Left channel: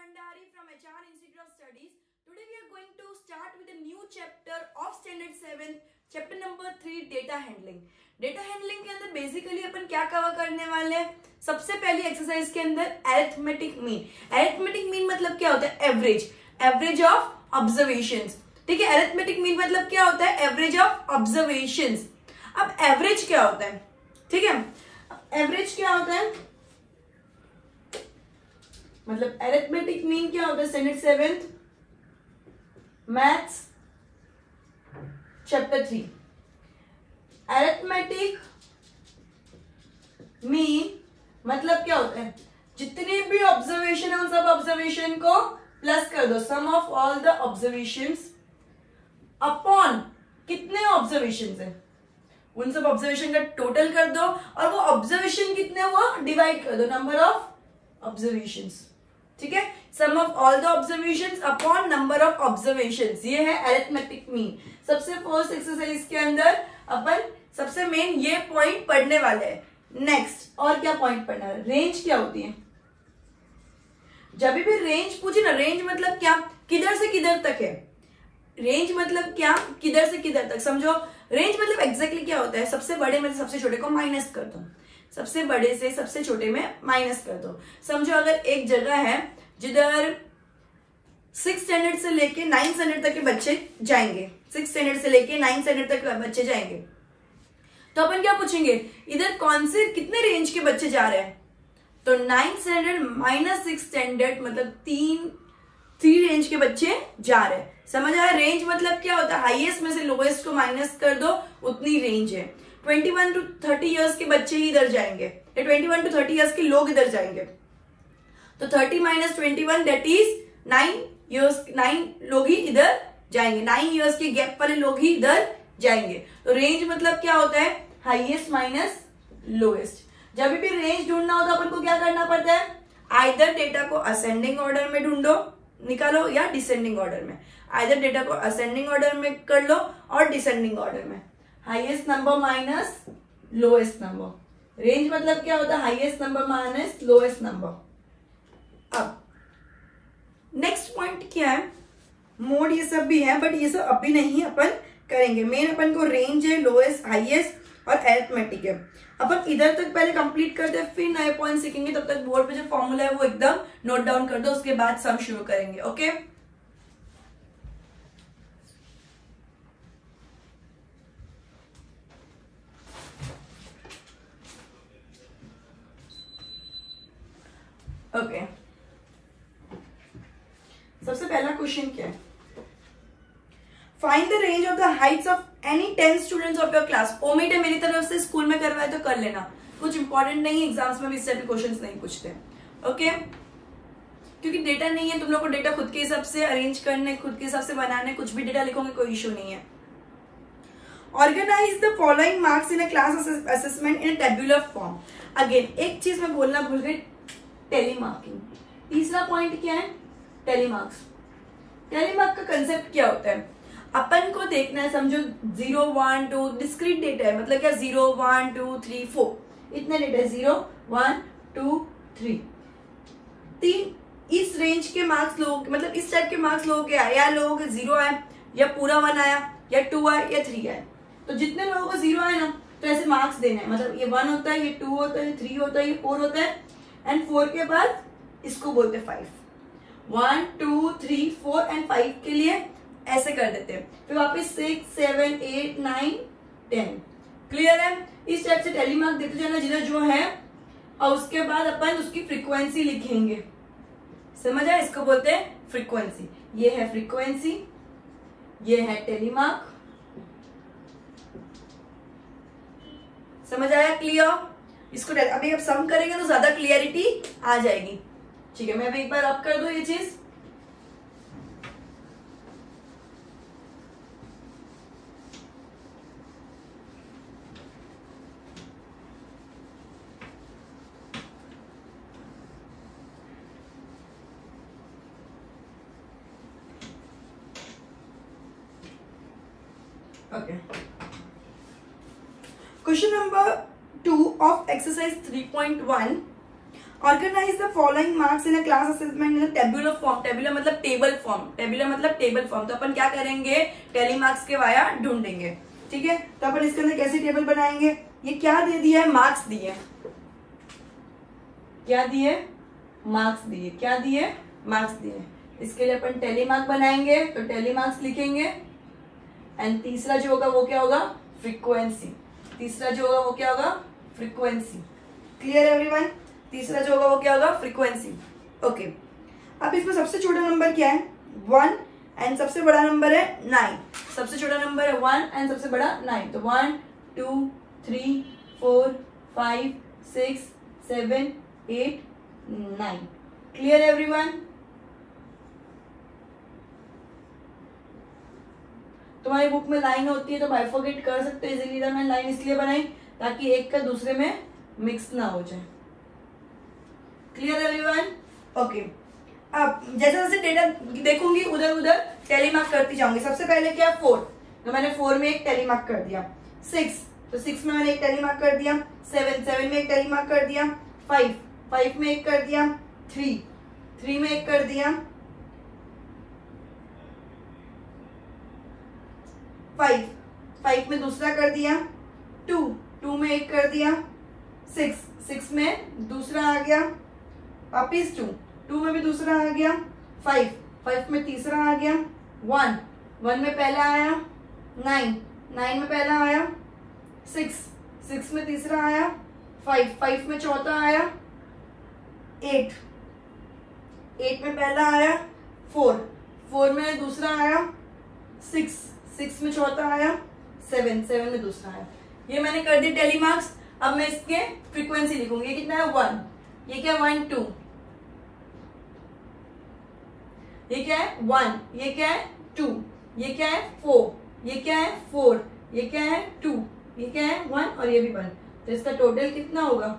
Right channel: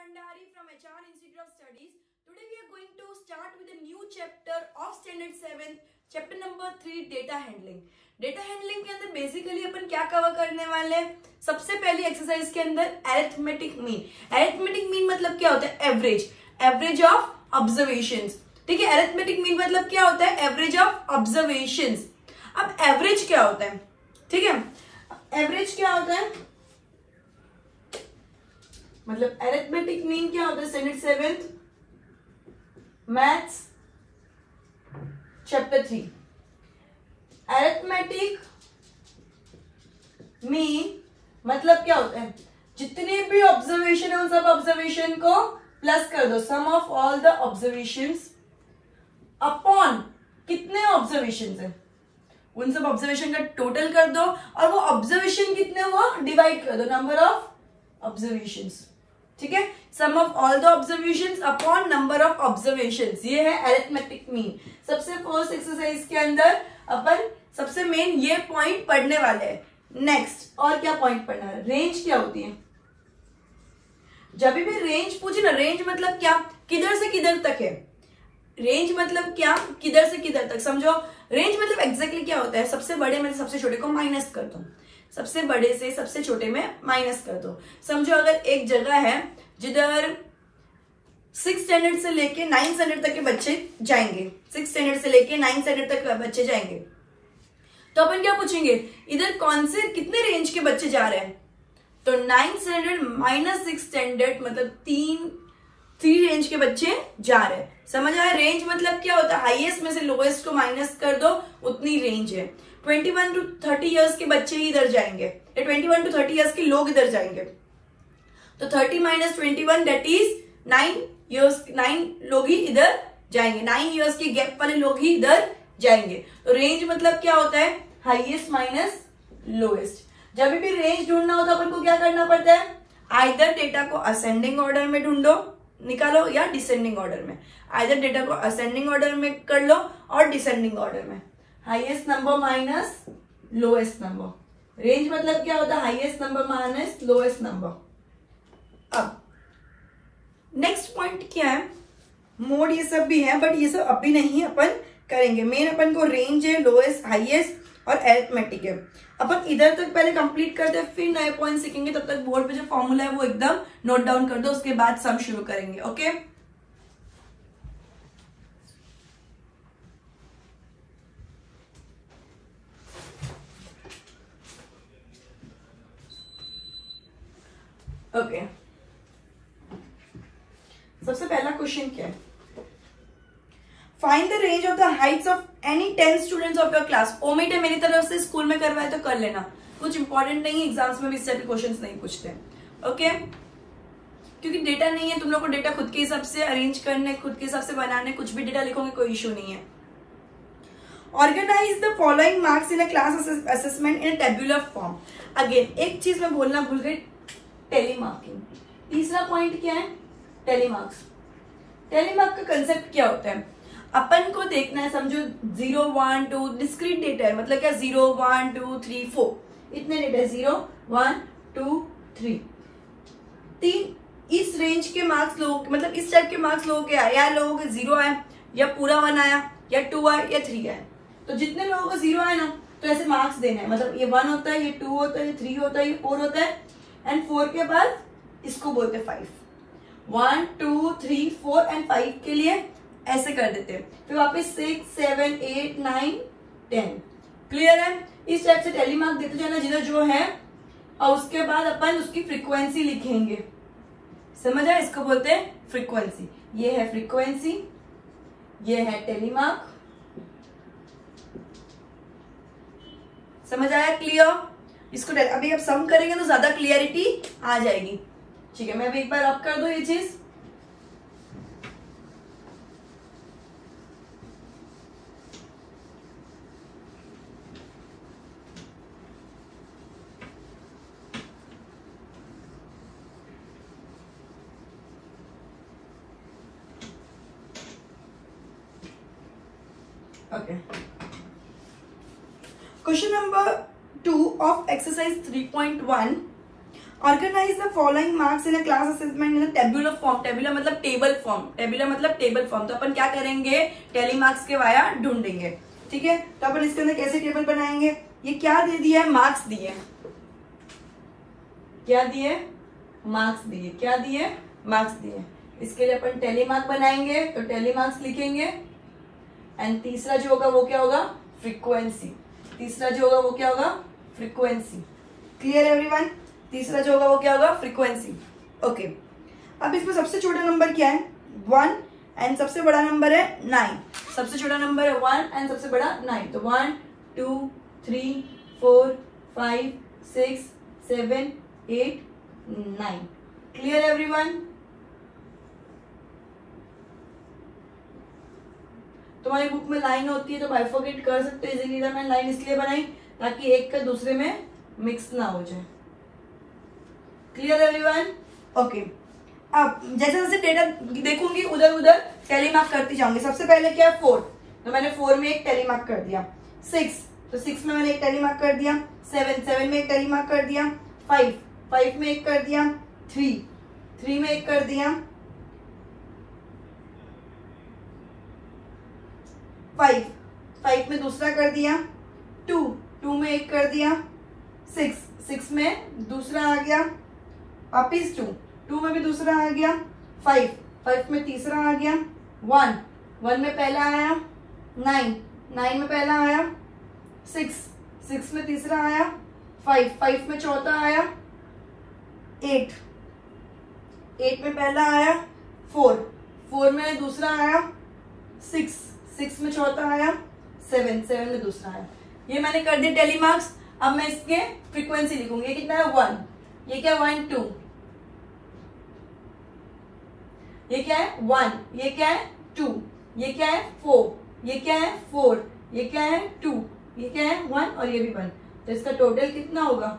Bhandari from HR Institute of Studies. Today we are going to start with a new chapter of Standard 7, chapter number 3, Data Handling. Data Handling के अंदर basically अपन क्या cover करने वाले हैं? सबसे पहली exercise के अंदर अरिथमेटिक मीन. अरिथमेटिक मीन मतलब क्या होता है? एवरेज. Average of observations. ठीक है, अरिथमेटिक मीन मतलब क्या होता है? Average of observations. अब एवरेज क्या होता है? ठीक है, एवरेज क्या होता है? मतलब अरिथमेटिक मीन क्या होता है? Standard 7th maths chapter 3. Arithmetic mean मतलब क्या होता है? जितने भी ऑब्जर्वेशन है उन सब ऑब्जर्वेशन को प्लस कर दो. Sum of all the observations upon कितने ऑब्जर्वेशंस है उन सब ऑब्जर्वेशन का टोटल कर दो और वो ऑब्जर्वेशन कितने हुआ डिवाइड कर दो नंबर ऑफ ऑब्जर्वेशंस. ठीक है, sum of all the observations upon number of observations. ये है अरिथमेटिक मीन. सबसे फर्स्ट एक्सरसाइज के अंदर अपन सबसे मेन ये पॉइंट पढ़ने वाले हैं. नेक्स्ट और क्या पॉइंट पढ़ना है? रेंज क्या होती है? जब भी रेंज पूछे ना, रेंज मतलब क्या? किधर से किधर तक है. रेंज मतलब क्या? किधर से किधर तक. समझो, रेंज मतलब एग्जैक्टली क्या होता है? सबसे बड़े में से सबसे छोटे को माइनस कर दो. सबसे बड़े से सबसे छोटे में माइनस कर दो. समझो अगर एक जगह है जिधर 6th स्टैंडर्ड से लेके 9th स्टैंडर्ड तक के बच्चे जाएंगे, 6th स्टैंडर्ड से लेके 9th स्टैंडर्ड तक बच्चे जाएंगे, तो अपन क्या पूछेंगे? इधर कौन से कितने रेंज के बच्चे जा रहे हैं? तो 9th standard minus 6th standard मतलब तीन रेंज के बच्चे जा रहे हैं. समझ आया? रेंज मतलब क्या होता है? हाईएस्ट में से लोएस्ट को माइनस कर दो, उतनी रेंज है. 21 to 30 इयर्स के बच्चे ही इधर जाएंगे, 21 to 30 इयर्स के लोग इधर जाएंगे. तो 30 - 21 दैट इज 9 लोग ही इधर जाएंगे. 9 इयर्स के गैप वाले लोग ही इधर जाएंगे. तो रेंज मतलब क्या होता है? Highest minus lowest. जब भी रेंज ढूंढना हो तो अपन को क्या करना पड़ता है? आइदर डेटा को असेंडिंग ऑर्डर में ढूंढो, निकालो, या डिसेंडिंग ऑर्डर में. आइदर डेटा को असेंडिंग ऑर्डर में कर लो और डिसेंडिंग ऑर्डर में. Highest number minus lowest number. Range मतलब क्या होता है? Highest number minus lowest number. अब नेक्स्ट पॉइंट क्या है? मोड ये सब भी है, बट ये सब अभी नहीं अपन करेंगे. मेन अपन को रेंज है, लोएस्ट, हाईएस्ट और अरिथमेटिक है. अपन इधर तक पहले कंप्लीट करते हैं, फिर नए पॉइंट सीखेंगे. तब तक बोर्ड पे जो फॉर्मूला है वो एकदम नोट डाउन कर दो, उसके बाद सम शुरू करेंगे. Okay, okay. सबसे पहला क्वेश्चन क्या है? Find the range of the Heights of any 10 students of your class. Omit है मेरी तरफ से, स्कूल में करवाए तो कर लेना, कुछ इंपॉर्टेंट नहीं है, एग्जाम्स में भी इस टाइप के क्वेश्चंस नहीं पूछते. ओके, क्योंकि डेटा नहीं है, तुम लोग को डेटा खुद के हिसाब से अरेंज करने, खुद के हिसाब से बनाने, कुछ भी डेटा लिखोगे कोई इश्यू नहीं है. Organise the following marks in a class assessment in a tabular form. Again एक चीज मैं बोलना भूल गई, टेलीमार्किंग. तीसरा पॉइंट क्या है? टेलीमार्क्स. टेलीमार्क का कंसेप्ट क्या होता है? अपन को देखना है, समझो 0 1 2 डिस्क्रीट डेटा है. मतलब क्या? 0 1 2 3 4 इतने डेटा है. 0 1 2 3 तीन. इस रेंज के मार्क्स लोग, मतलब इस टाइप के मार्क्स लोगों के आए, या लोगों के 0 आए, या पूरा 1 आया, या 2 आए, या 3 आए. तो जितने लोगों का 0 आए ना, तो ऐसे मार्क्स देना है. मतलब ये 1 होता है, ये 2 होता है, ये 3 होता है, ये 4 होता है, एंड 4 के बाद इसको बोलते हैं 5. 1 2 3 4 एंड 5 के लिए ऐसे कर देते हैं. फिर वापस 6 7 8 9 10. क्लियर है? इस टाइप से टेलीमार्क देते जाना जिधर जो है, और उसके बाद अपन उसकी फ्रीक्वेंसी लिखेंगे. समझ आया? इसको बोलते हैं फ्रीक्वेंसी. ये है फ्रीक्वेंसी, ये है टेलीमार्क. समझ आया? क्लियर? इसको अभी अब सम करेंगे तो ज्यादा क्लियरिटी आ जाएगी. ठीक है, मैं अभी एक बार अप कर दो ये चीज. Okay, question number 2 of exercise 3.1. Organise the following marks in a class assessment in a tabular form. Tabular मतलब टेबल फॉर्म, टेबुलर मतलब टेबल फॉर्म। तो अपन क्या करेंगे, टेली मार्क्स के वाया ढूंढेंगे, ठीक है। तो अपन इसके अंदर कैसे टेबल बनाएंगे, ये क्या दे दिया है, मार्क्स दिए, क्या दिए, मार्क्स दिए, क्या दिए, मार्क्स दिए। इसके लिए अपन टेली मार्क बनाएंगे, तो टेली मार्क्स लिखेंगे। एंड तीसरा जो होगा वो क्या होगा, फ्रीक्वेंसी। तीसरा जो होगा वो क्या होगा, फ्रीक्वेंसी। क्लियर एवरीवन, तीसरा जो होगा वो क्या होगा, फ्रीक्वेंसी। ओके, अब इसमें सबसे छोटा नंबर क्या है, 1 एंड सबसे बड़ा नंबर है 9। सबसे छोटा नंबर है 1 एंड सबसे बड़ा 9। तो 1 2 3 4 5 6 7 8 9। Clear everyone. तुम्हारी बुक में लाइन होती है तो बाइफरकेट कर सकते हो इजीली। मैंने लाइन इसलिए बनाई ताकि एक का दूसरे में मिक्स ना हो जाए। Clear everyone. ओके, अब जैसे जैसे डेटा देखूंगी उधर उधर टेली मार्क करती जाऊंगी। सबसे पहले क्या, 4, तो मैंने 4 में एक टेली मार्क कर दिया। 6, तो 6 में मैंने एक टेली मार्क कर दिया। 7 में एक टेली मार्क कर दिया। 5 में एक कर दिया। 3 में एक कर दिया। 5 में दूसरा कर दिया। 2 में एक कर दिया। 6 में दूसरा आ गया। वापिस 2 में भी दूसरा आ गया। 5 में तीसरा आ गया। 1 में पहला आया। 9 में पहला आया। 6 में तीसरा आया। 5 में चौथा आया। 8 में पहला आया। 4 में दूसरा आया। 6 में चौथा आया। 7 में दूसरा आया। ये मैंने कर दिया टेली मार्क्स। अब मैं इसके फ्रीक्वेंसी लिखूंगी। ये कितना है, 1। ये क्या, 1 2। ये क्या है, 1। ये क्या है, 2। ये क्या है, 4। ये क्या है, 4। ये क्या है, 2। ये क्या है, 1 और ये भी 1। तो इसका टोटल कितना होगा,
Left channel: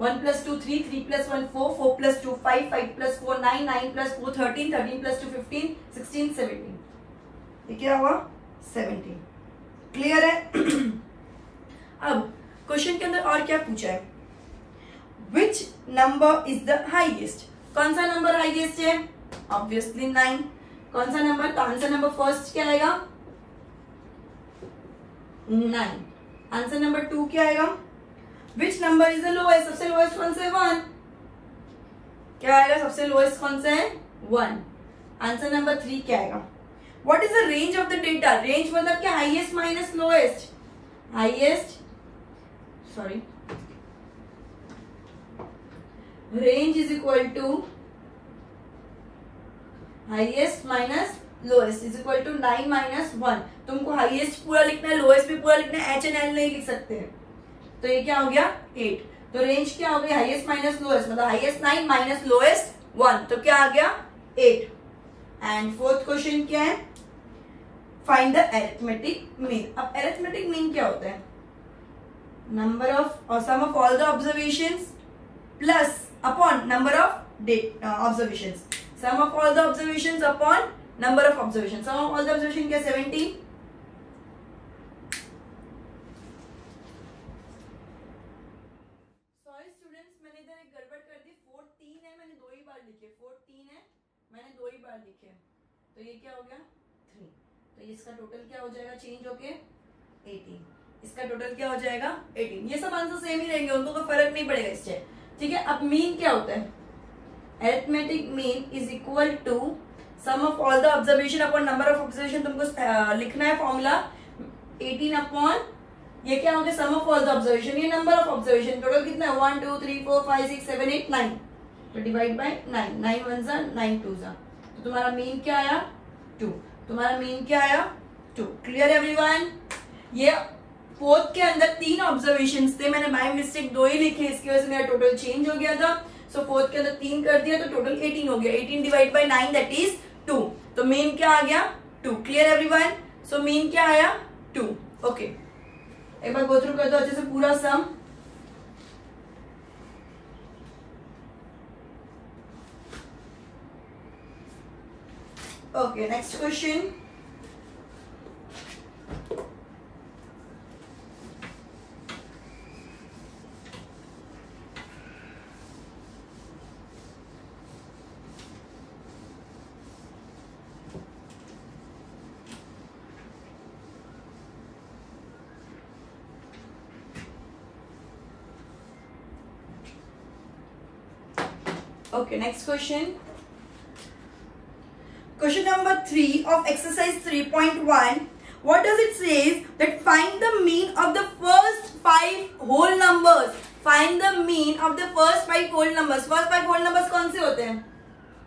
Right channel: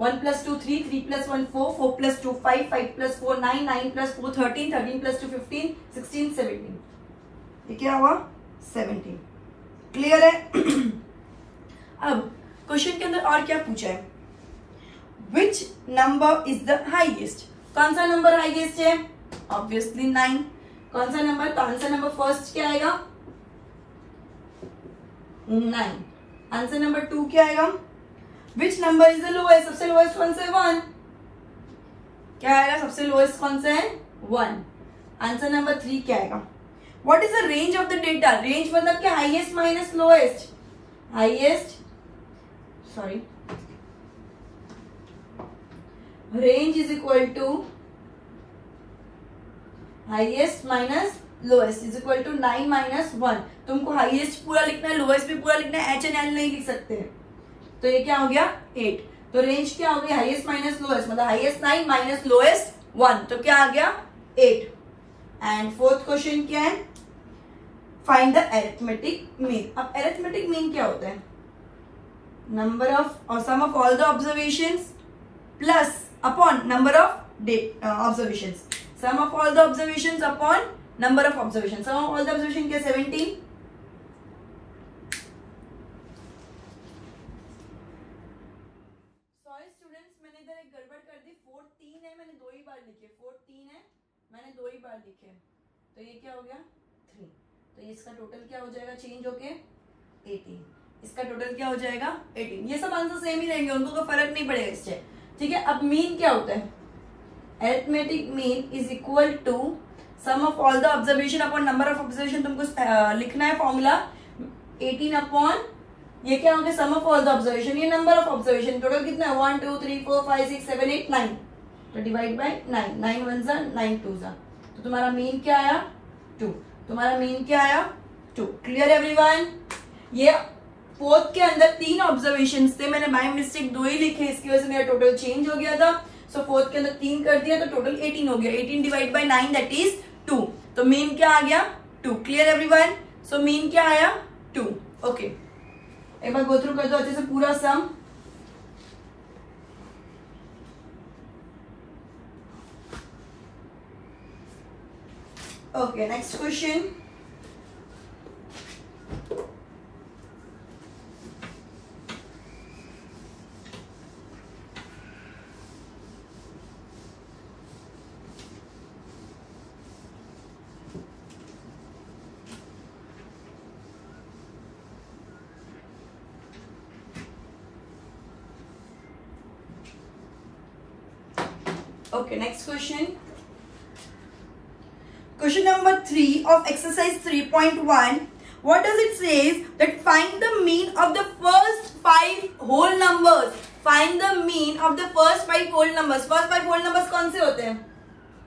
1 + 2 3, 3 + 1 4, 4 + 2 5, 5 + 4 9, 9 + 4 13, 13 + 2 15, 16 17। ये क्या हुआ, 17। क्लियर है। अब क्वेश्चन के अंदर और क्या पूछा है, which number is the highest. कौन सा नंबर हाईएस्ट है, ऑब्वियसली 9। कौन सा नंबर फर्स्ट क्या आएगा, 9। आंसर नंबर 2 क्या आएगा, which number is the lowest, सबसे लोएस्ट कौन सा है, 1। क्या आएगा, सबसे लोएस्ट कौन सा है, 1। आंसर नंबर 3 क्या आएगा, what is the range of the data. Range मतलब क्या, highest minus lowest. Range is equal to highest minus lowest is equal to 9 - 1। तुमको हाईएस्ट पूरा लिखना है, लोएस्ट भी पूरा लिखना है, H and L नहीं लिख सकते हैं। तो ये क्या हो गया, 8। तो रेंज क्या हो गई, हाईएस्ट माइनस लोएस्ट, मतलब हाईएस्ट 9 माइनस लोएस्ट 1, तो क्या आ गया 8। एंड फोर्थ क्वेश्चन क्या है, फाइंड द अरिथमेटिक मीन। अब अरिथमेटिक मीन क्या होता है, नंबर ऑफ और sum of all the observations plus upon number of observations. Sum of all the observations upon number of observation. Sum of all the observation क्या, 70। Sorry students, मैंने इधर एक गड़बड़ कर दी। 4 3 है, मैंने 2 ही बार लिखे। 4 3 है, मैंने 2 ही बार लिखे, तो ये क्या हो गया 3। तो इसका टोटल क्या हो जाएगा, चेंज होके 18। इसका टोटल क्या हो जाएगा 18। ये सब आंसर सेम ही रहेंगे, उनको कोई फर्क नहीं पड़ेगा इससे, ठीक है। अब मीन क्या होता है, arithmetic mean is equal to sum of all the observation upon number of observation. तुमको लिखना है फॉर्मूला 18 अपॉन ये क्या हो गया, सम ऑफ ऑल द ऑब्जर्वेशन, ये नंबर ऑफ ऑब्जर्वेशन। टोटल कितना है, 1 2 3 4 5 6 7 8 9। तो डिवाइड बाय 9, 9 1 जा 9 2 जा, तो तुम्हारा मीन क्या आया 2। तुम्हारा मीन क्या आया 2। Clear everyone. ये फोर्थ के अंदर 3 ऑब्जर्वेशन थे, मैंने बाय मिस्टेक 2 ही लिखे, इसकी वजह से मेरा टोटल चेंज हो गया था। सो फोर्थ के अंदर 3 कर दिया तो टोटल 18 हो गया। 18 डिवाइड बाय 9 दैट इज 2। तो मीन क्या आ गया 2। Clear everyone. सो मीन क्या आया 2। ओके, एक बार गो थ्रू कर दो अच्छे से पूरा sum. Okay, next question. Okay, next question. Question number 3 of exercise 3.1. What does it says? That find the mean of the first 5 whole numbers. Find the mean of the first 5 whole numbers. First 5 whole numbers कौन से होते हैं?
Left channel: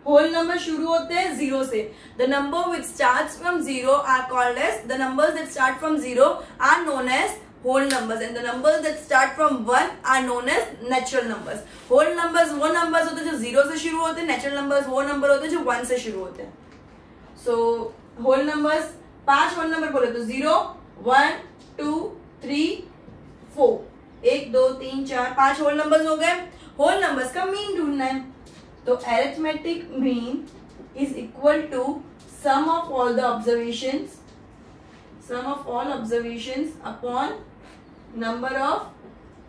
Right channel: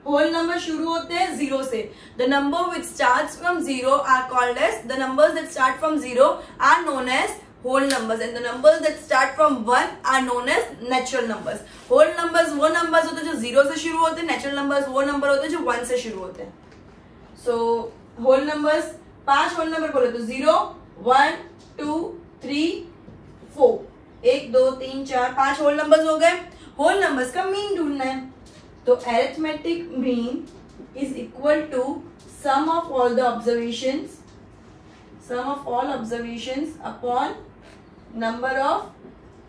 Whole number शुरू होते हैं 0 से. The number which starts from 0 are called as, the numbers that start from 0 are known as whole numbers, and the numbers that start from 1 are known as natural numbers. Whole numbers वो numbers होते हैं जो 0 से शुरू होते हैं. Natural numbers वो number होते हैं जो 1 से शुरू होते हैं. So whole numbers, 5 whole number बोले तो 0, 1, 2, 3, 4. 1, 2, 3, 4, 5 whole numbers हो गए. Whole numbers का mean ढूंढना है. तो arithmetic mean is equal to sum of all the observations, sum of all observations upon number of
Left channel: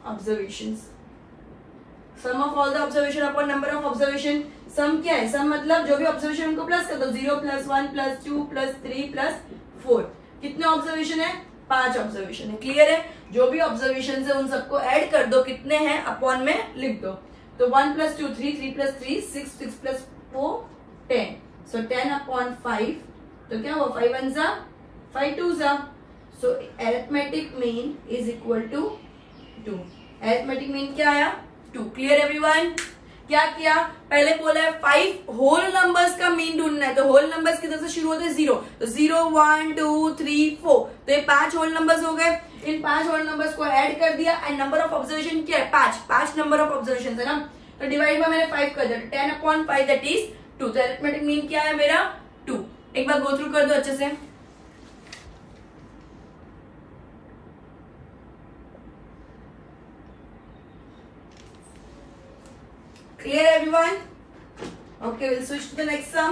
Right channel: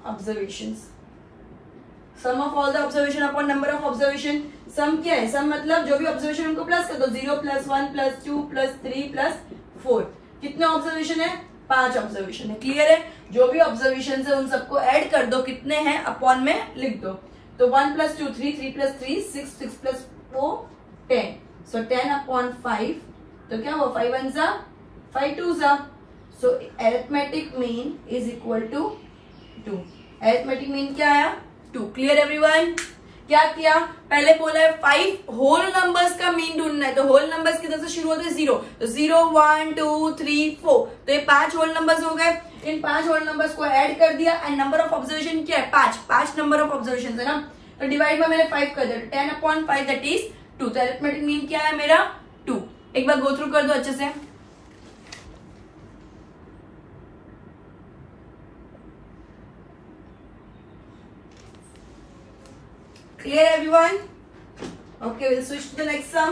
observations. Sum of all the observation upon number of observation. सम क्या है? सम मतलब जो भी ऑब्जर्वेशन उनको प्लस कर दो. 0 + 1 + 2 + 3 + 4. कितने ऑब्जर्वेशन है? 5 ऑब्जर्वेशन है. क्लियर है? जो भी ऑब्जर्वेशन है उन सबको ऐड कर दो. कितने हैं अपॉन में लिख दो. तो 1 + 2 3, 3 + 3 6, 6 + 4 10. So 10 upon 5. तो क्या हुआ? 5 1 सा 5 2 सा. So arithmetic mean is equal to 2. Arithmetic mean क्या आया? 2. Clear everyone? क्या किया? पहले बोला है 5 होल नंबर्स का मीन ढूंढना है. तो होल नंबर्स किधर से शुरू होते हैं? 0. तो 0 1 2 3 4. तो ये 5 होल नंबर्स हो गए. इन 5 होल नंबर्स को ऐड कर दिया. एंड नंबर ऑफ ऑब्जर्वेशन क्या है? 5 नंबर ऑफ ऑब्जर्वेशन है ना. तो डिवाइड में मैंने 5 कर दिया. 10 upon 5 दैट इज 2. तो अरिथमेटिक मीन क्या है मेरा? 2. एक बार गो थ्रू कर दो अच्छे से. Clear everyone? Okay, we'll switch to the next sum.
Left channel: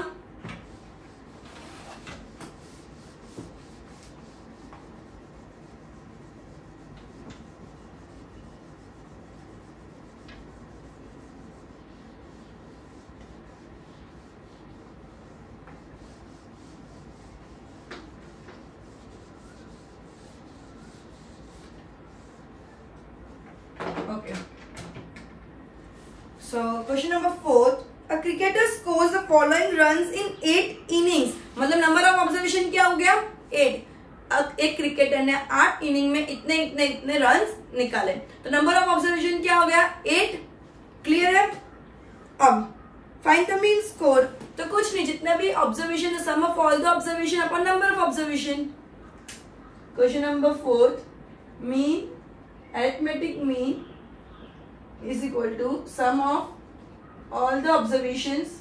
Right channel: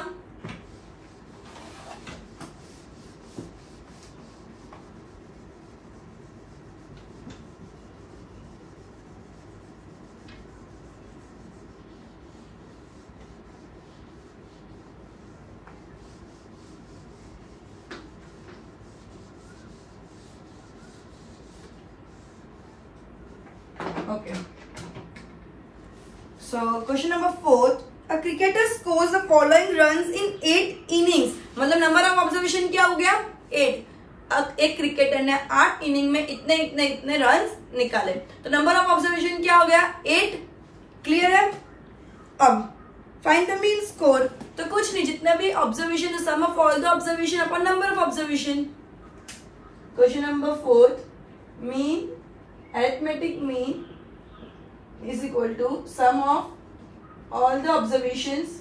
Okay. So question number 4. A cricketer scores the following runs in 8 innings. मतलब नंबर ऑफ ऑब्जर्वेशन क्या हो गया? 8. एक क्रिकेटर ने 8 इनिंग में इतने इतने इतने रन्स निकाले. तो नंबर ऑफ ऑब्जर्वेशन क्या हो गया? 8. क्लियर है? अब फाइंड द मीन स्कोर. तो कुछ नहीं, जितना भी ऑब्जर्वेशन है sum of all the observation upon number of observation. Question number 4. Mean, arithmetic mean is equal to sum of all the observations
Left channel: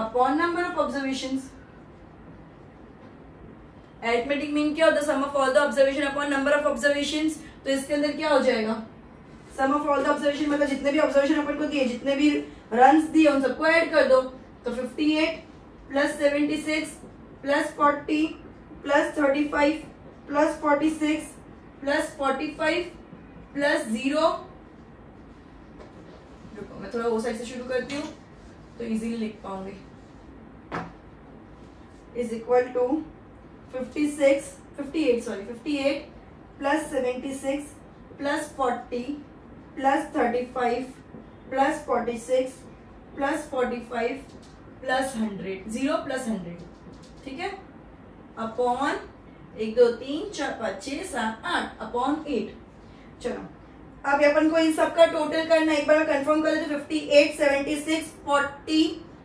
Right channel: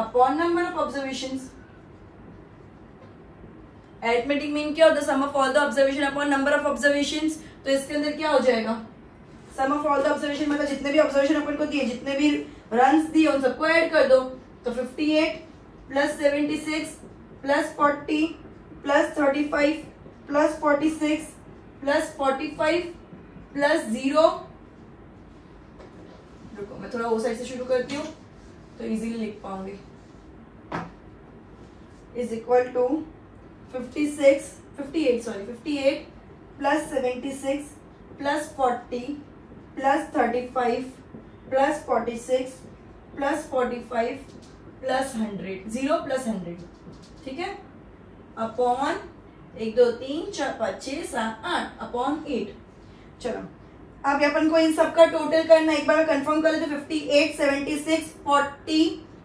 upon number of observations. Arithmetic mean क्या होता है? sum of all the observation upon number of observations. तो इसके अंदर क्या हो जाएगा? sum of all the observation मतलब जितने भी observation अपन को दिए, जितने भी runs दिए उन सबको ऐड कर दो. तो 58 + 76 + 40 + 35 + 46 + 45 + 0. मैं थोड़ा वो साइड से शुरू करती हूँ तो इजीली लिख पाऊंगी. Is equal to 58 + 76 + 40 + 35 + 46 + 45 + 100. 0 + 100. ठीक है? Upon 1 2 3 4 5 6 7 8 upon 8. चलो अब अपन को इन सबका टोटल करना. एक बार कंफर्म कर लेते. 58 76 40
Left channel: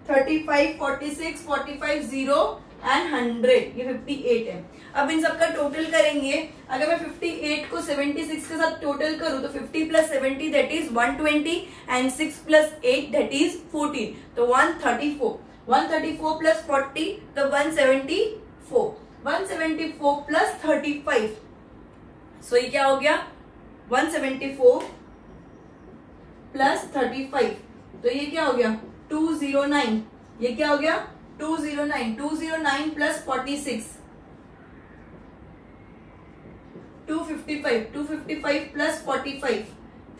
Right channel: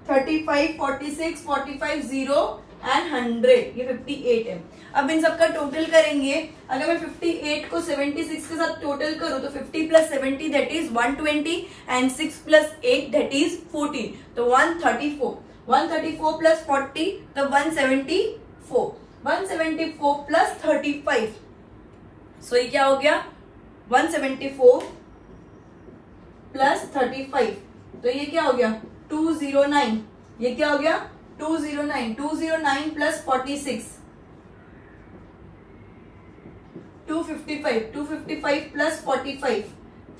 35 46 45 0 एंड 100. ये 58 है. अब इन सबका टोटल करेंगे. अगर मैं 58 को 76 के साथ टोटल करूं तो 50 + 70 that is 120 and 6 + 8 that is 14. तो 134. 134 + 40 तो 174. 174 + 35. सो ये क्या हो गया? 174 + 35. तो ये क्या हो गया? 209. ये क्या हो गया? 209. 209 + 46 255. 255 + 45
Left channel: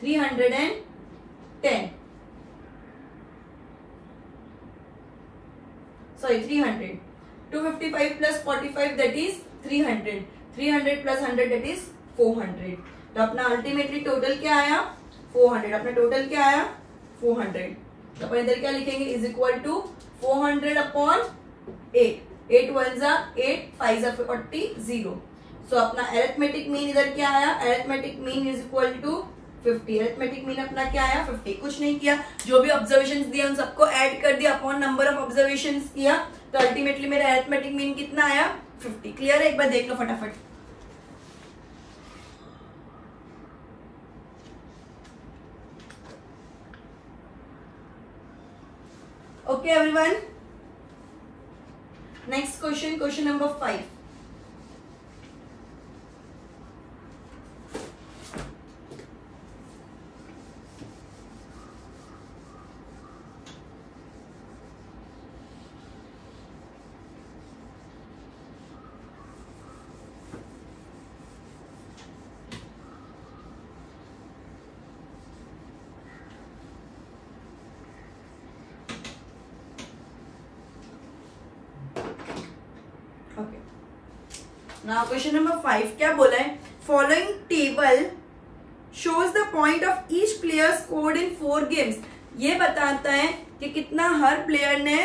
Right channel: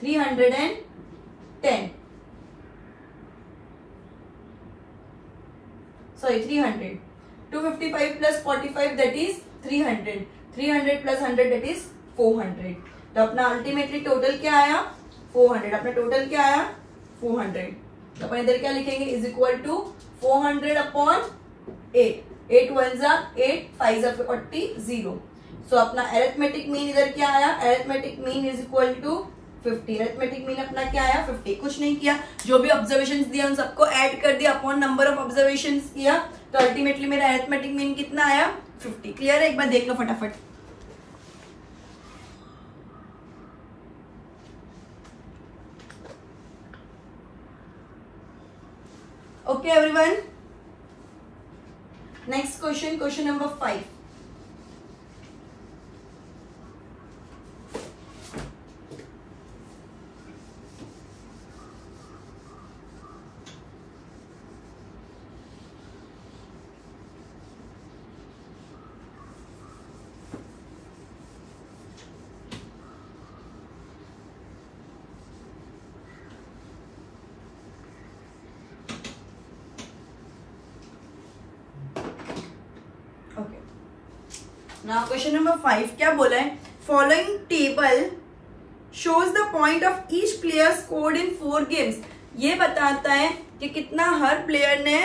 310. Sorry, 300. 255 + 45 that is 300. 300 + 100 that is 400. तो अपना अल्टीमेटली टोटल क्या आया? 400. अपना टोटल क्या आया? 400. तो अपन इधर क्या लिखेंगे, इज इक्वल टू 400 अपॉन 8, 8 1 जा 8, 5 जा 40, 0। सो अपना अरिथमेटिक मीन इधर क्या आया, arithmetic mean is equal to 50। Arithmetic mean अपना क्या आया 50। कुछ नहीं किया, जो भी ऑब्जर्वेशंस दिया उन सबको ऐड कर दिया अपॉन नंबर ऑफ ऑब्जर्वेशंस किया, तो अल्टीमेटली मेरा अरिथमेटिक मीन कितना आया 50। क्लियर है, एक बार देख लो फटाफट। Okay everyone, next question, question number 5। Now question number 5 क्या बोला है, following table shows the point of each player scored in 4 games. ये बताता है कि कितना हर प्लेयर ने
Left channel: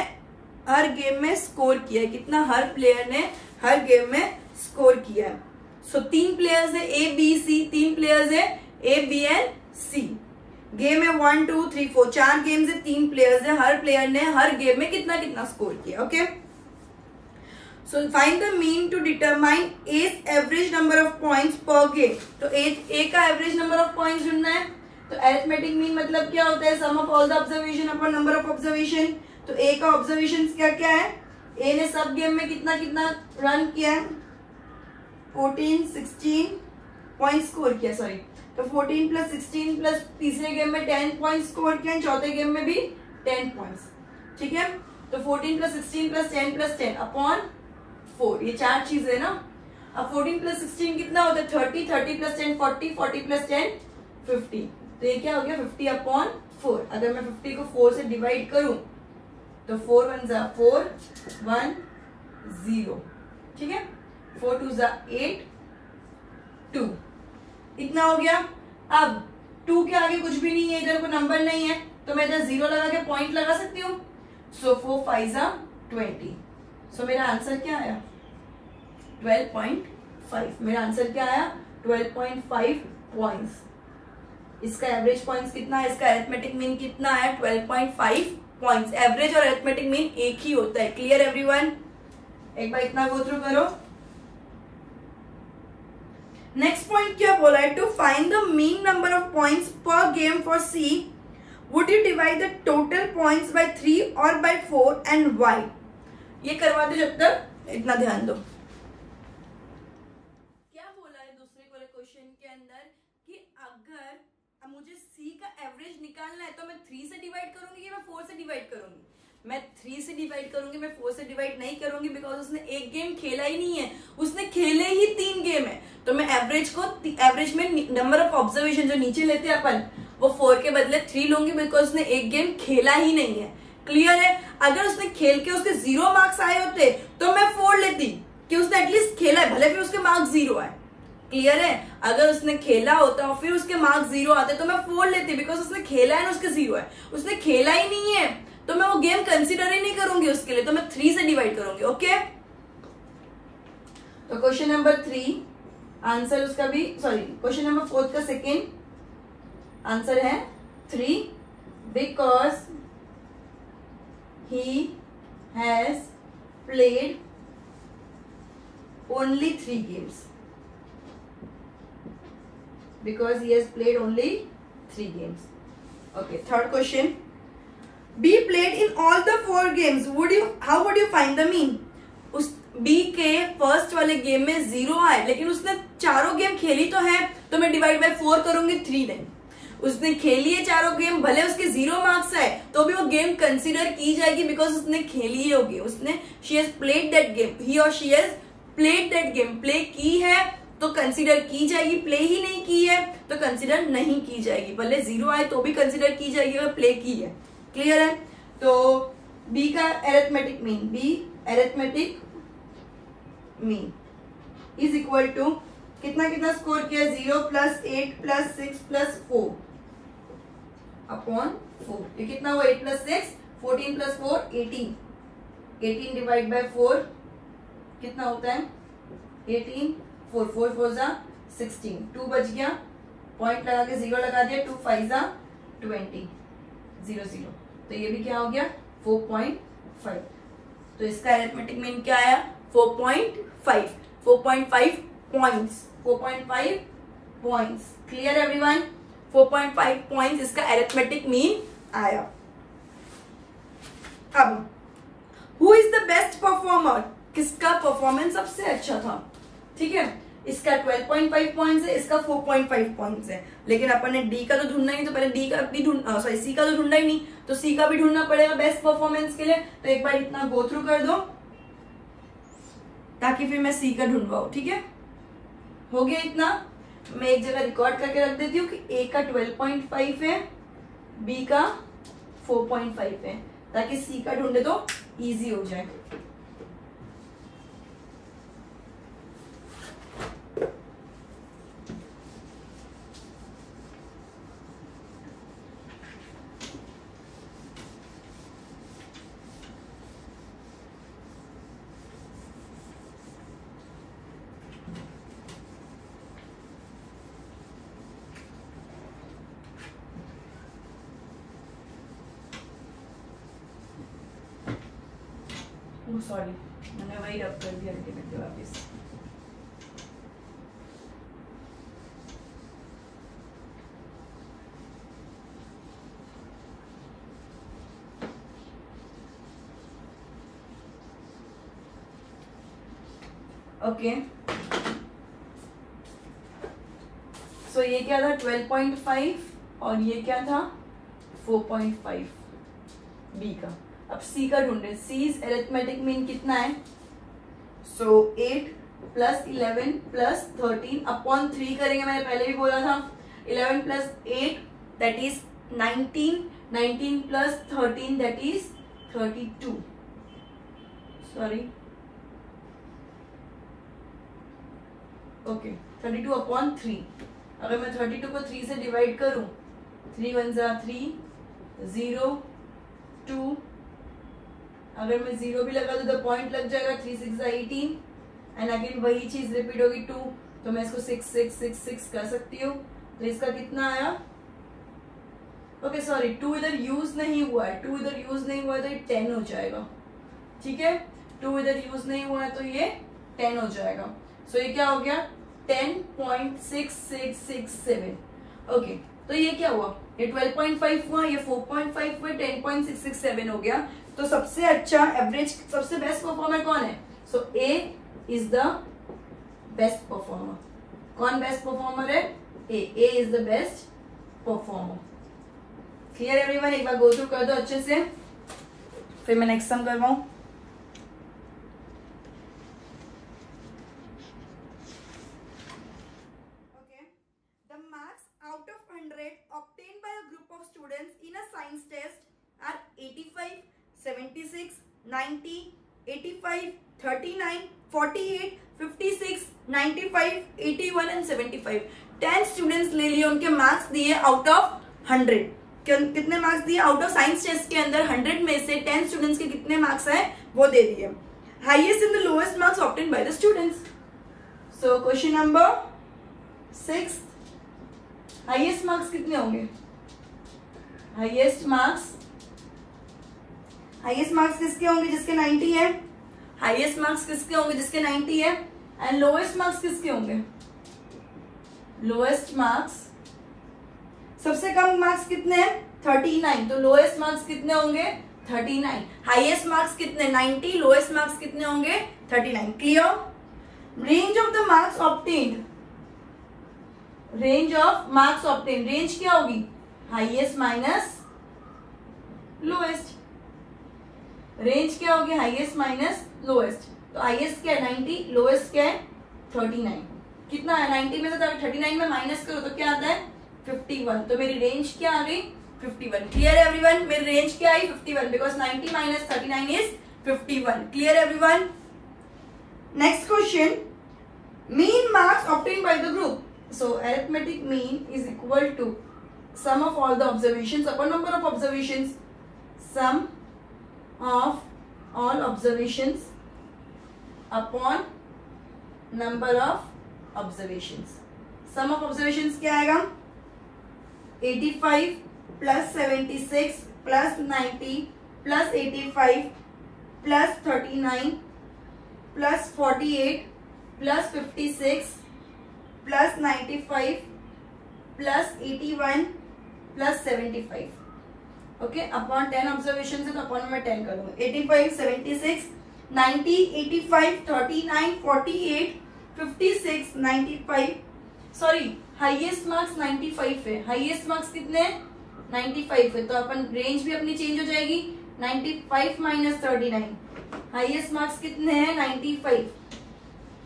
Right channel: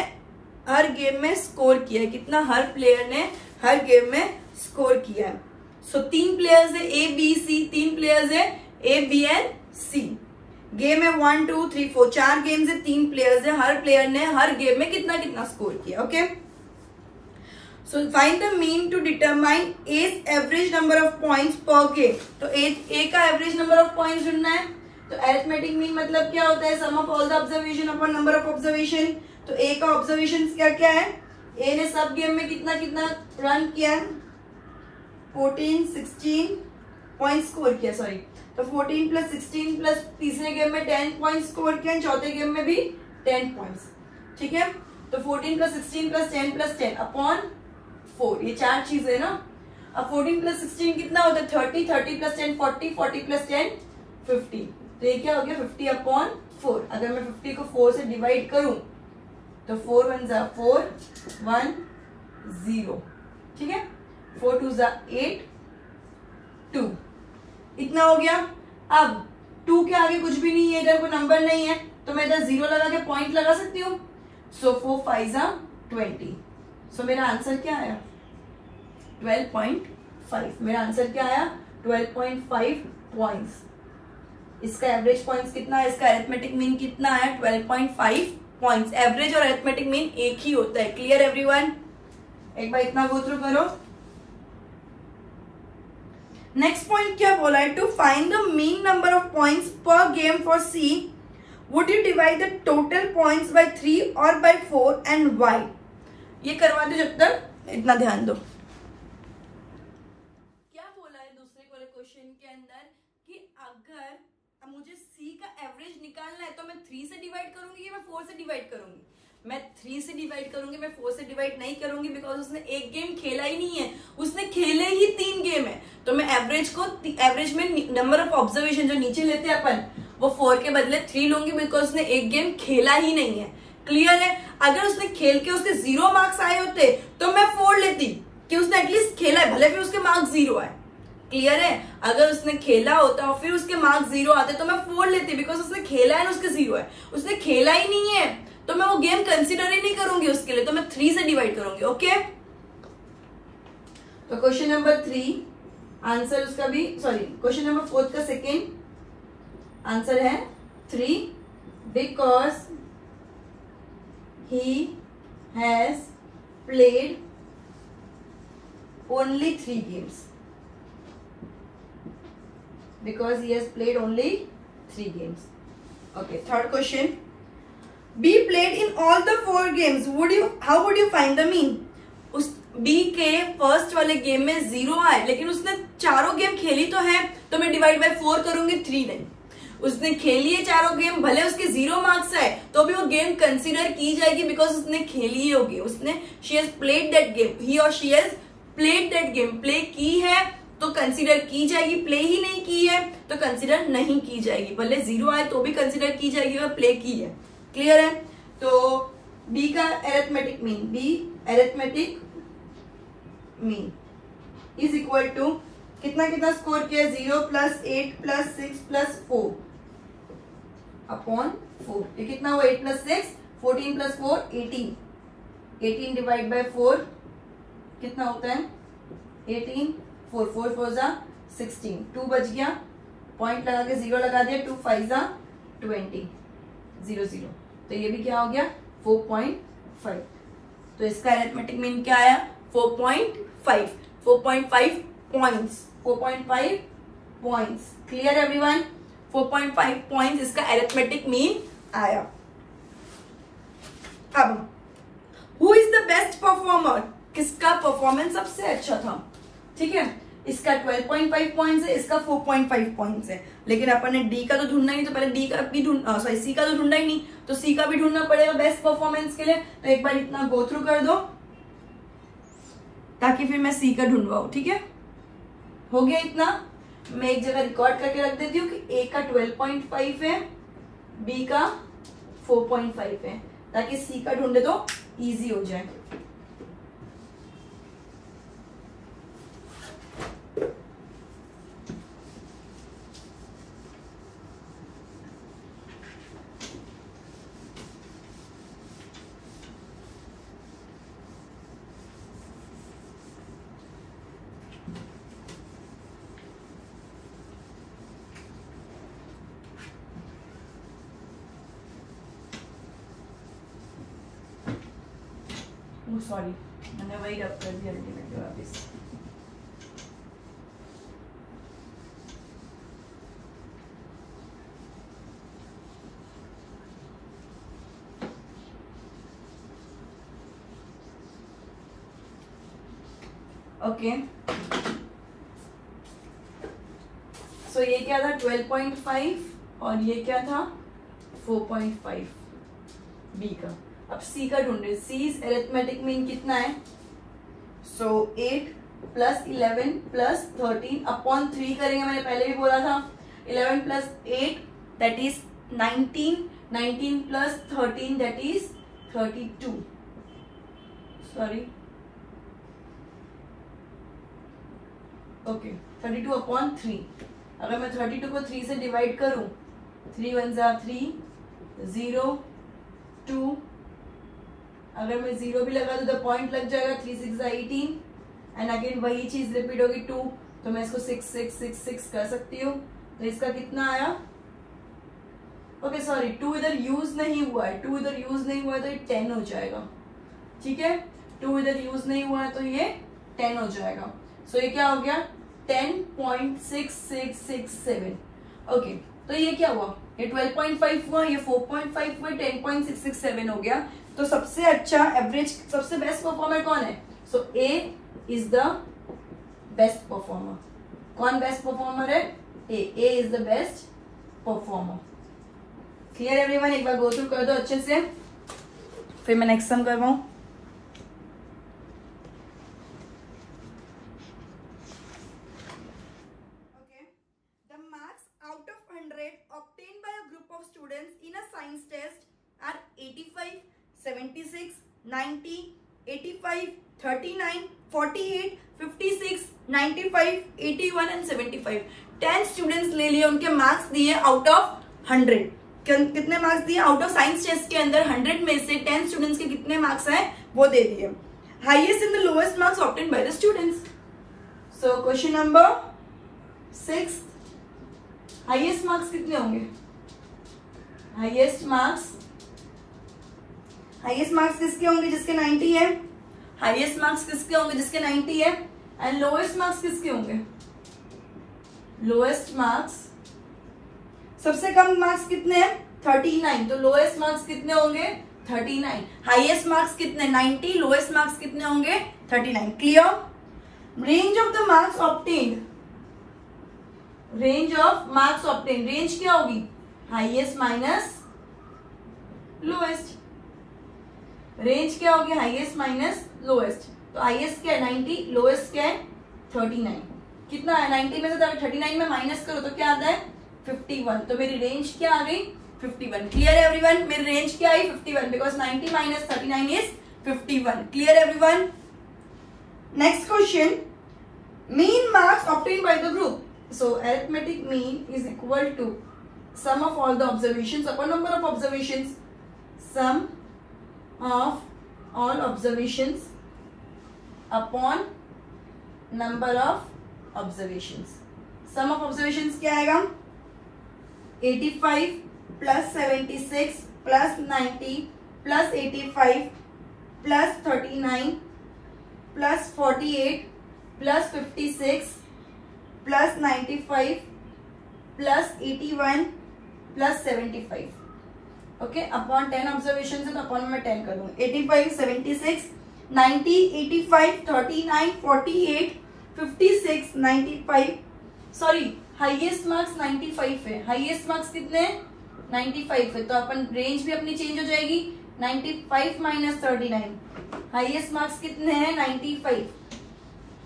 हर गेम में स्कोर किया है, कितना हर प्लेयर ने हर गेम में स्कोर किया है। सो 3 प्लेयर्स है ए बी सी, 3 प्लेयर्स है A B and C. Game है 1 2 3 4, 4 गेम्स है, 3 प्लेयर्स है, हर प्लेयर ने हर गेम में कितना कितना स्कोर किया। Okay, so find the mean to determine A's average number of points per game। तो A का एवरेज नंबर ऑफ पॉइंट्स ढूंढना है। तो अरिथमेटिक मीन मतलब क्या होता है, sum of all the observation upon number of observation. तो A का ऑब्जर्वेशन क्या क्या है, A ने सब गेम में कितना कितना रन किया है, 14 16 पॉइंट स्कोर किया, सॉरी। तो 14 प्लस 16 प्लस तीसरे गेम में 10 पॉइंट स्कोर किया, चौथे गेम में भी 10 पॉइंट्स। ठीक है, तो 14 प्लस 16 प्लस 10 अपॉन 4, ये 4 चीजें है ना। अब 14 प्लस 16 कितना होता है 30, 30 प्लस 10 40, 40 प्लस 10 50। तो ये क्या हो गया 50 अपॉन 4। अगर मैं 50 को 4 से डिवाइड करूं तो 4 1 जा 4 1 0, ठीक है, 4 2 जा 8 2, इतना हो गया। अब 2 के आगे कुछ भी नहीं है, इधर कोई नंबर नहीं है, तो मैं इधर 0 लगा के पॉइंट लगा सकती हूँ। सो 4 5 जा 20। सो मेरा आंसर क्या आया 12.5। मेरा आंसर क्या आया 12.5 पॉइंट्स। इसका एवरेज पॉइंट्स कितना है, इसका अरिथमेटिक मीन कितना आया 12.5 पॉइंट्स। एवरेज और अरिथमेटिक मीन एक ही होता है। क्लियर एवरीवन, एक बार इतना गो थ्रू करो। नेक्स्ट पॉइंट क्या बोला है, to find the mean number of points per game for C would you divide the total points by 3 और बाय 4 एंड वाई। ये करवा दो जब तक, इतना ध्यान दो। क्या बोला है दूसरे वाले क्वेश्चन के अंदर कि अगर मुझे सी का एवरेज निकालना है तो मैं 3 से डिवाइड करूंगी या मैं 4 से डिवाइड करूंगी। मैं 3 से डिवाइड करूंगी, मैं 4 से डिवाइड नहीं करूंगी, बिकॉज उसने एक गेम खेला ही नहीं है, उसने खेले ही 3 गेम है। तो मैं एवरेज में नंबर ऑफ ऑब्जर्वेशन जो नीचे लेते हैं अपन, वो 4 के बदले 3 लूंगी, बिकॉज उसने एक गेम खेला ही नहीं है। क्लियर है, अगर उसने खेल के उसके 0 मार्क्स आए होते तो मैं 4 लेती कि उसने एटलीस्ट खेला है, भले फिर उसके मार्क्स 0 आए। क्लियर है, अगर उसने खेला होता और फिर उसके मार्क्स 0 आते तो मैं 4 लेती, बिकॉज उसने खेला है ना, उसके 0 है। उसने खेला ही नहीं है तो मैं वो गेम कंसिडर ही नहीं करूंगी उसके लिए, तो मैं 3 से डिवाइड करूंगी। ओके, तो क्वेश्चन नंबर 3 आंसर उसका भी, सॉरी क्वेश्चन नंबर 4 का सेकेंड आंसर है 3, because he has played only 3 games. Because he has played only 3 games. Okay, third question. B played in all the 4 games. How would you find the mean? उस B के first वाले game में 0 आए, लेकिन उसने चारों game खेली तो है, तो मैं डिवाइड बाय 4 करूंगी, 3 नहीं। उसने खेली है चारों गेम, भले उसके 0 मार्क्स आए तो भी वो गेम कंसीडर की जाएगी, बिकॉज उसने खेली ही होगी, उसने she has played that game, he और she has played that game, play की है तो कंसीडर की जाएगी, प्ले ही नहीं की है तो कंसीडर नहीं की जाएगी। भले 0 आए तो भी कंसीडर की जाएगी अगर प्ले की है। क्लियर है, तो बी का arithmetic mean, B arithmetic mean is equal to कितना कितना स्कोर किया, 0 प्लस 8 प्लस 6 प्लस 4, अपॉन 4। ये कितना हुआ 8 + 6 14 + 4 18, 18 डिवाइड बाय 4 कितना होता है 18, 4 4 4 जा 16, 2 बच गया, पॉइंट लगा के 0 लगा दिया, 2 5 जा 20, 0 0, तो ये भी क्या हो गया 4.5। तो इसका अरिथमेटिक मीन क्या आया 4.5, 4.5 points, 4.5 points. Clear everyone, 4.5 points इसका अरिथमेटिक मीन आया। अब who is the best performer, किसका परफॉर्मेंस सबसे अच्छा था, ठीक है। इसका 12.5 पॉइंट्स है, इसका 4.5 पॉइंट्स है, लेकिन अपन ने डी का तो ढूंढना ही, तो पहले डी का भी सॉरी सी का तो ढूंढना ही नहीं, तो सी का भी ढूंढना पड़ेगा बेस्ट परफॉर्मेंस के लिए। तो एक बार इतना गो थ्रू कर दो ताकि फिर मैं सी का ढूंढवाऊं, ठीक है। हो गया इतना, मैं एक जगह रिकॉर्ड करके रख देती हूँ कि ए का 12.5 है, बी का 4.5 है, ताकि सी का ढूंढे तो इजी हो जाए। सॉरी, मैंने वही रब कर दिया अल्टीमेटली वापस। ओके, सो ये क्या था 12.5 और ये क्या था 4.5 बी का। अब सी का ढूंढे, सी इज अरिथमेटिक मीन कितना है, सो 8 + 11 + 13 अपॉन 3 करेंगे, मैंने पहले भी बोला था। 11 + 8 that is 19, 19 + 13 that is 32, sorry okay 32 upon 3। अगर मैं 32 को 3 से डिवाइड करूं, 3 1 जा 3, 0 2, अगर मैं 0 भी लगा दूं तो पॉइंट लग जाएगा, 3 6 जा 18, एंड अगेन वही चीज रिपीट होगी 2, तो मैं इसको 6 6 6 6 कर सकती हूँ। तो इसका कितना आया, ओके सॉरी 2 इधर यूज नहीं हुआ है, 2 इधर यूज नहीं हुआ है तो ये 10 हो जाएगा, ठीक है। 2 इधर यूज नहीं हुआ है तो ये 10 हो जाएगा। सो ये क्या हो गया 10.6667। ओके, तो ये क्या हुआ, ये 12.5 हुआ, ये 4.5 हुआ, 10.667 हो गया। तो सबसे अच्छा एवरेज, सबसे बेस्ट परफॉर्मर कौन है, so A is the best performer. कौन बेस्ट परफॉर्मर है, A is the best performer. Clear everyone, एक बार गो थ्रू कर दो अच्छे से, फिर मैं नेक्स्ट सम करवाऊं। Obtained by a group of students in a science test are 85, 76, 90, 85, 39, 48, 56, 95, 81 and 75। 10 students ले लिए, उनके मार्क्स दिए आउट ऑफ 100। कितने मार्क्स दिए आउट ऑफ साइंस टेस्ट के अंदर 100 में से 10 स्टूडेंट्स के कितने मार्क्स हैं वो दे दिए। Highest in the lowest marks obtained by the students. So question number 6, highest marks कितने होंगे, हाईएस्ट मार्क्स किसके होंगे, जिसके 90 है। हाईएस्ट मार्क्स किसके होंगे, जिसके 90 है। एंड लोएस्ट मार्क्स किसके होंगे, लोएस्ट मार्क्स, सबसे कम मार्क्स कितने हैं 39, तो लोएस्ट मार्क्स कितने होंगे 39। हाईएस्ट मार्क्स कितने 90, लोएस्ट मार्क्स कितने होंगे 39। Clear. Range of the marks obtained, range of marks obtain, range क्या होगी हाईएस्ट माइनस लोएस्ट, रेंज क्या होगी हाईएस्ट माइनस लोएस्ट। तो हाईएस्ट क्या है 90, लोएस्ट क्या है 39। कितना है 90 में से 39 में माइनस करो तो क्या आता है 51। तो मेरी रेंज क्या आ गई 51। क्लियर एवरीवन, मेरी रेंज क्या आई 51 because 90 minus 39 is 51। Clear everyone. Next question, mean marks obtain by the group. So arithmetic mean is equal to sum of all the observations upon number of observations. Sum of all observations upon number of observations. Sum of observations क्या आएगा? 85 plus 76 plus 90 plus 85 plus 39 plus 48 plus 56 plus 95 plus 81 plus 75. Okay, upon 10 observation है तो upon में 10 करूँ. 85, 76, 90, 85, 39, 48, 56, 95. Sorry, highest marks 95 है. Highest marks कितने हैं? 95 है. तो अपन रेंज भी अपनी चेंज हो जाएगी. 95 माइनस 39. हाईएस्ट मार्क्स कितने हैं? 95.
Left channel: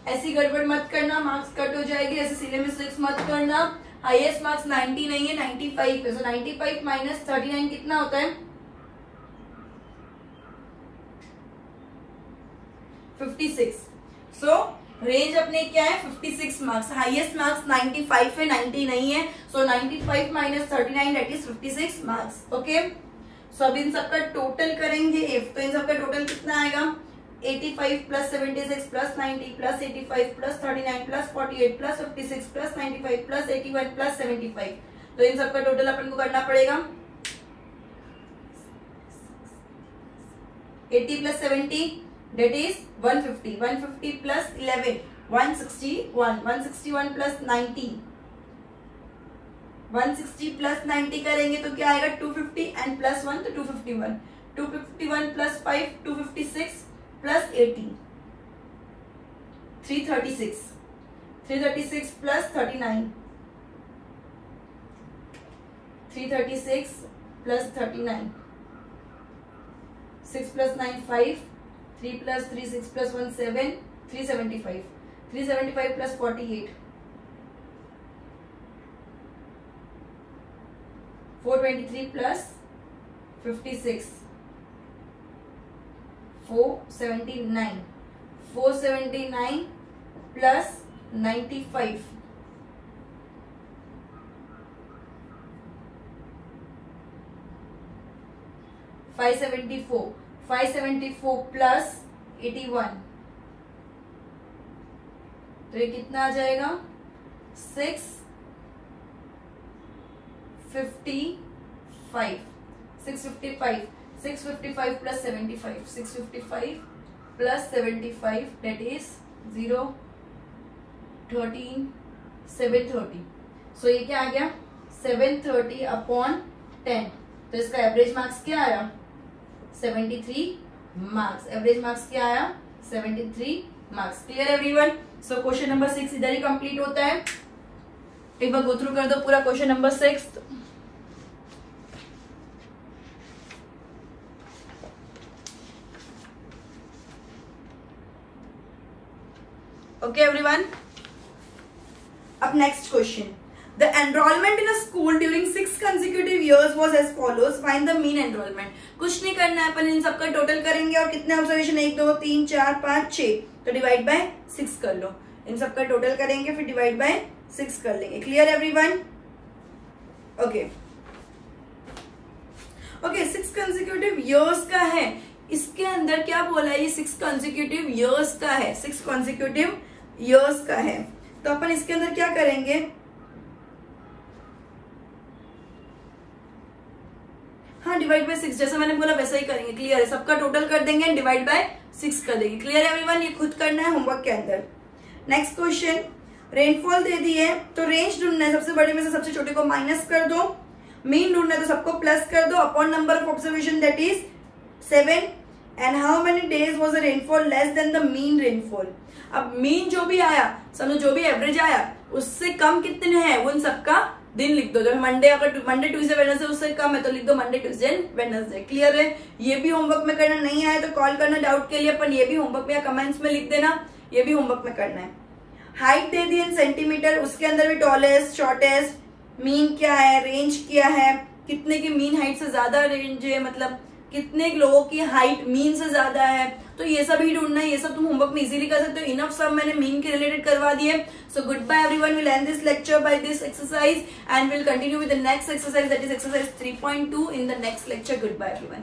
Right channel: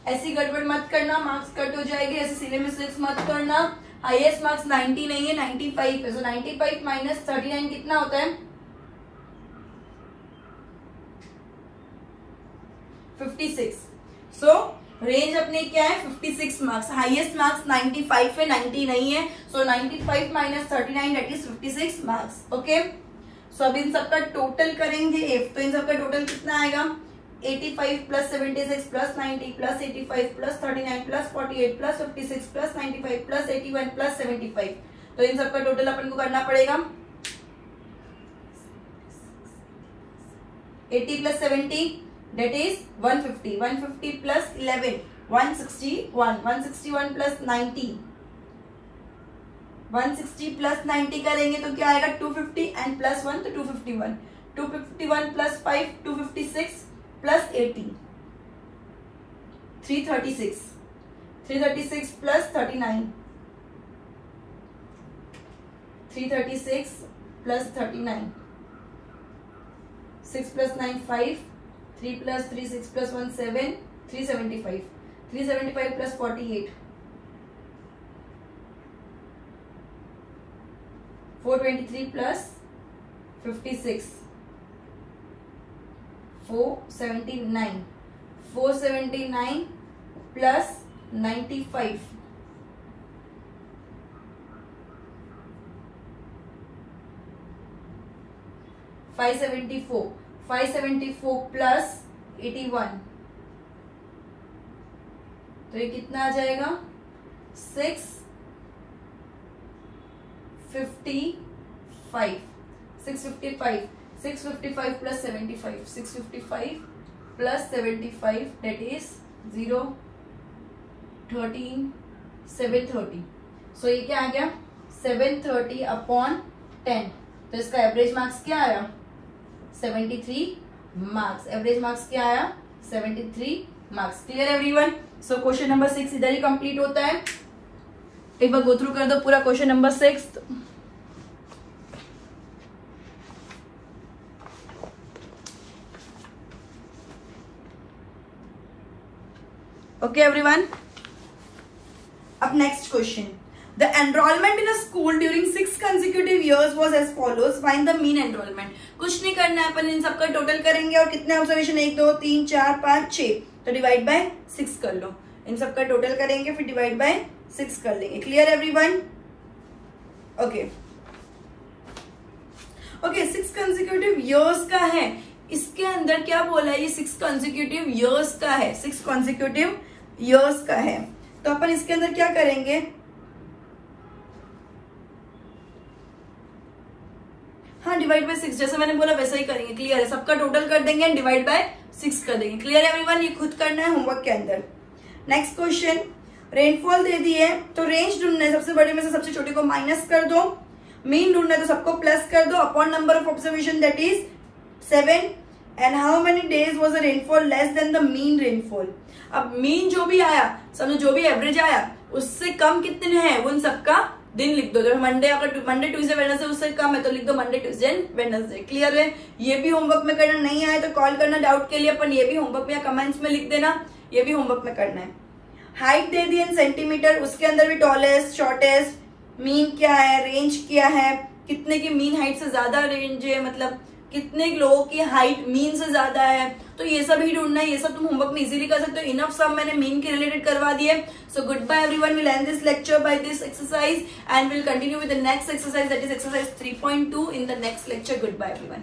ऐसी गड़बड़ मत करना, मार्क्स कट हो जाएगी. ऐसे सिले मिस्टेक्स मत करना. हाईएस्ट मार्क्स 90 नहीं है, 95 है. सो 95 माइनस 39 कितना होता है? 56. सो रेंज अपने क्या है? 56 मार्क्स. हाईएस्ट मार्क्स 95 है, 90 नहीं है. So 95 minus 39 that is 56 marks. Okay, so अब इन सबका टोटल करेंगे. तो इन सबका टोटल कितना आएगा? 85 plus 76 plus 90 plus 85 plus 39 plus 48 plus 56 plus 95 plus 81 plus 75. तो इन सबका टोटल अपन को करना पड़ेगा. 80 plus 70 that is 150. 150 plus 11 161. 161 plus 90. 160 plus 90 करेंगे तो क्या आएगा? 250 and plus 1 तो 251. 251 plus 5 256 plus 80. 336. 336 plus 39. 336 plus 39. 6 plus 9 5. 3 plus 3 6 plus 1 7. 375. 375 plus 48. 423 plus 56. 479. 479 plus 95. 574. 574 plus 81. तो ये कितना आ जाएगा? 655. 655. 655 plus 75. 655 plus 75 that is 0 13 730. So ये क्या आ गया? 730 upon 10. तो इसका एवरेज मार्क्स क्या आया? 73 मार्क्स. एवरेज मार्क्स क्या आया? 73 marks. Clear everyone? So question number 6 इधर ही कंप्लीट होता है. एक बार गो थ्रू कर दो पूरा question number 6. Okay, everyone. Up next question. The enrollment in a school during 6 consecutive years was as follows. Find the mean enrollment. कुछ नहीं करना है, अपन इन सबका टोटल करेंगे और कितने ऑब्जर्वेशन? 1 2 3 4 5 6. तो डिवाइड बाय 6 कर लो. इन सबका टोटल करेंगे फिर डिवाइड बाय 6 कर लेंगे. Clear everyone? Okay okay. 6 consecutive years का है. इसके अंदर क्या बोला है? ये 6 कंसेक्यूटिव ईयर्स का है. 6 कंसेक्यूटिव ईयर्स का है. तो अपन इसके अंदर क्या करेंगे? हाँ, डिवाइड बाय 6 जैसा मैंने बोला वैसा ही करेंगे. क्लियर है? सबका टोटल कर देंगे एंड डिवाइड बाय 6 कर देंगे. Clear everyone? ये खुद करना है होमवर्क के अंदर. Next question. रेनफॉल दे दी है तो रेंज ढूंढना है. सबसे बड़े में से सबसे छोटे को माइनस कर दो. मीन ढूंढना है तो सबको प्लस कर दो. Upon number of observation that is 7. And how many days was the rainfall less than the mean rainfall. अब मीन जो भी आया, समझो जो भी एवरेज आया उससे कम कितने हैं उन सबका दिन लिख दो. जो मंडे, अगर मंडे ट्यूसडे वेडनेसडे उससे कम है तो लिख दो मंडे ट्यूसडे वेडनेसडे. क्लियर है? ये भी होमवर्क में करना. नहीं आया तो कॉल करना डाउट के लिए. अपन ये भी होमवर्क में या कमेंट्स में लिख देना. ये भी होमवर्क में करना है. हाइट दे दी इन सेंटीमीटर. उसके अंदर भी टॉलेस्ट, शॉर्टेस्ट, मीन क्या है, रेंज क्या है, कितने की मीन हाइट से ज्यादा रेंज है, मतलब कितने लोगों की हाइट मीन से ज्यादा है. तो तो ये सब ही ढूंढना है, ये सब तुम होमवर्क में इजीली कर सकते हो। इनफ सब मैंने मीन के रिलेटेड करवा दिए। So goodbye everyone, will end this lecture by this exercise and will continue with the next exercise, that is exercise 3.2 in the next lecture. Goodbye everyone.